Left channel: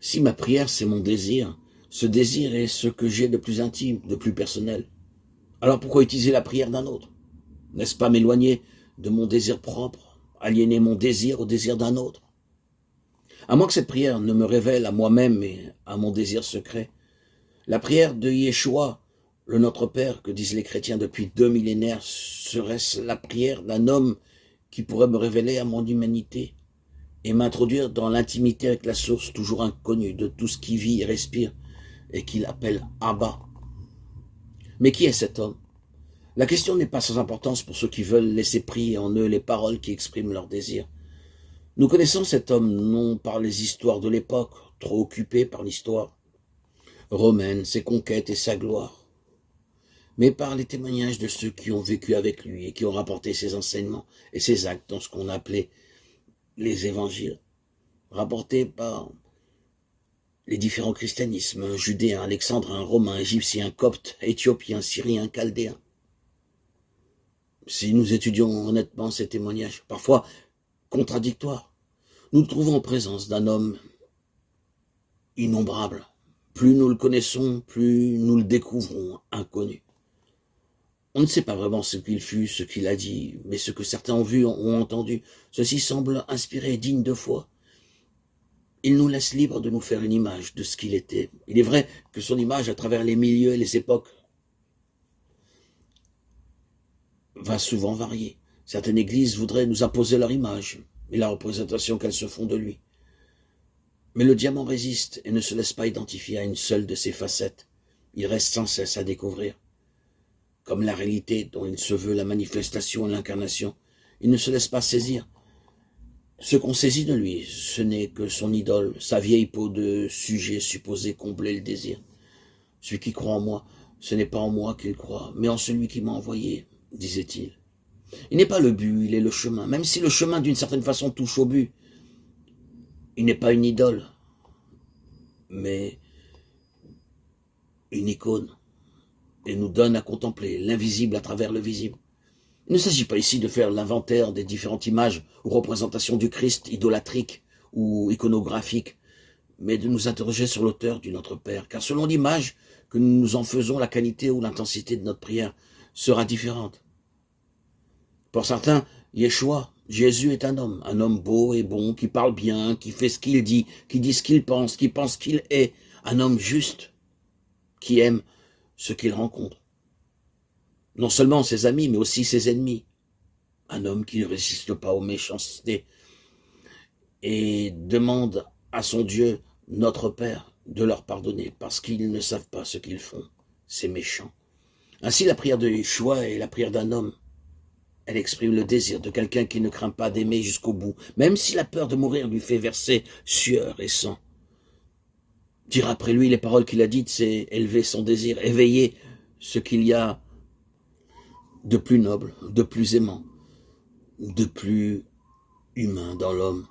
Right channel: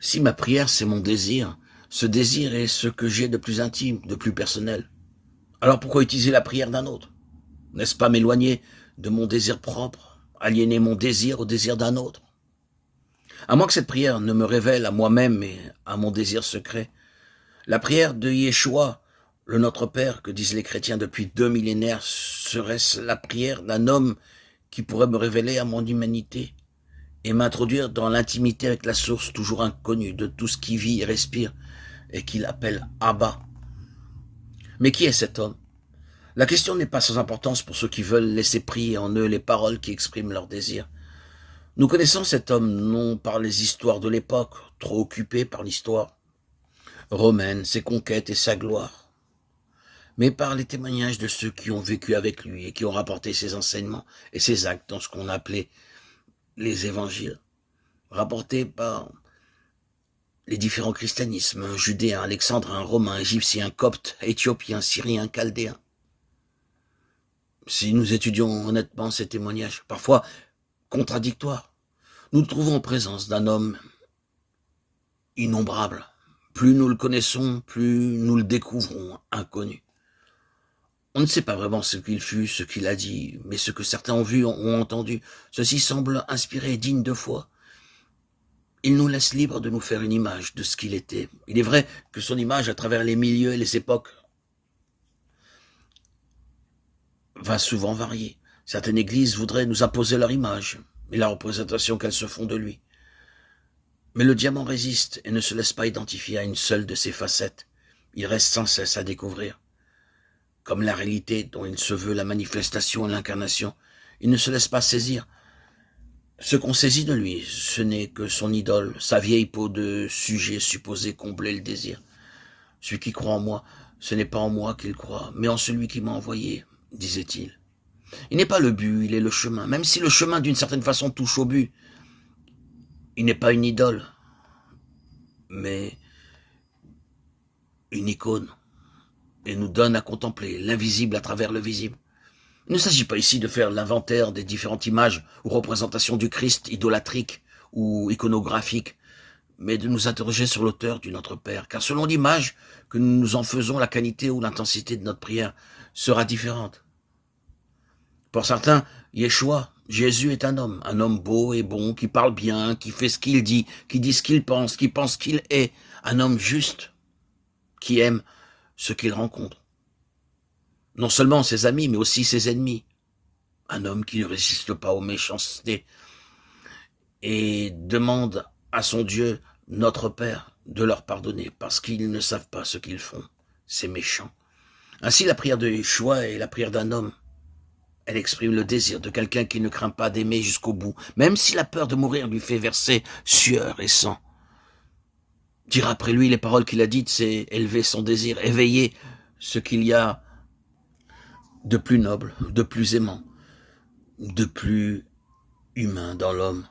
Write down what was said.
Si ma prière, c'est mon désir, ce désir est ce que j'ai de plus intime, de plus personnel. Alors pourquoi utiliser la prière d'un autre? N'est-ce pas m'éloigner de mon désir propre, aliéner mon désir au désir d'un autre? À moins que cette prière ne me révèle à moi-même et à mon désir secret. La prière de Yeshua, le Notre Père que disent les chrétiens depuis 2 millénaires, serait-ce la prière d'un homme qui pourrait me révéler à mon humanité et m'introduire dans l'intimité avec la source toujours inconnue de tout ce qui vit et respire et qu'il appelle Abba? Mais qui est cet homme? La question n'est pas sans importance pour ceux qui veulent laisser prier en eux les paroles qui expriment leurs désirs. Nous connaissons cet homme non par les histoires de l'époque, trop occupé par l'histoire romaine, ses conquêtes et sa gloire, mais par les témoignages de ceux qui ont vécu avec lui et qui ont rapporté ses enseignements et ses actes dans ce qu'on appelait les évangiles, rapportés par les différents christianismes, judéens, alexandrins, romains, égyptiens, coptes, éthiopiens, syriens, chaldéens. Si nous étudions honnêtement ces témoignages, parfois contradictoires, nous nous trouvons en présence d'un homme innombrable. Plus nous le connaissons, plus nous le découvrons inconnu. On ne sait pas vraiment ce qu'il fut, ce qu'il a dit, mais ce que certains ont vu, ont entendu. Ceci semble inspiré et digne de foi. Il nous laisse libres de nous faire une image de ce qu'il était. Il est vrai que son image, à travers les milieux et les époques, va souvent varier. Certaines églises voudraient nous imposer leur image et la représentation qu'elles se font de lui. Mais le diamant résiste et ne se laisse pas identifier à une seule de ses facettes. Il reste sans cesse à découvrir. Comme la réalité dont il se veut la manifestation et l'incarnation, il ne se laisse pas saisir. Ce qu'on saisit de lui, ce n'est que son idole, sa vieille peau de sujet supposé combler le désir. Celui qui croit en moi, ce n'est pas en moi qu'il croit, mais en celui qui m'a envoyé, disait-il. Il n'est pas le but, il est le chemin. Même si le chemin, d'une certaine façon, touche au but, il n'est pas une idole, mais une icône, et nous donne à contempler l'invisible à travers le visible. Il ne s'agit pas ici de faire l'inventaire des différentes images ou représentations du Christ idolâtriques ou iconographiques, mais de nous interroger sur l'auteur du Notre Père, car selon l'image que nous nous en faisons, la qualité ou l'intensité de notre prière sera différente. Pour certains, Yeshua, Jésus est un homme beau et bon, qui parle bien, qui fait ce qu'il dit ce qu'il pense, qui pense qu'il est, un homme juste, qui aime ce qu'il rencontre. Non seulement ses amis, mais aussi ses ennemis. Un homme qui ne résiste pas aux méchancetés et demande à son Dieu, notre Père, de leur pardonner, parce qu'ils ne savent pas ce qu'ils font. C'est méchant. Ainsi, la prière de Yeshua est la prière d'un homme. Elle exprime le désir de quelqu'un qui ne craint pas d'aimer jusqu'au bout, même si la peur de mourir lui fait verser sueur et sang. Dire après lui les paroles qu'il a dites, c'est élever son désir, éveiller ce qu'il y a de plus noble, de plus aimant, de plus humain dans l'homme.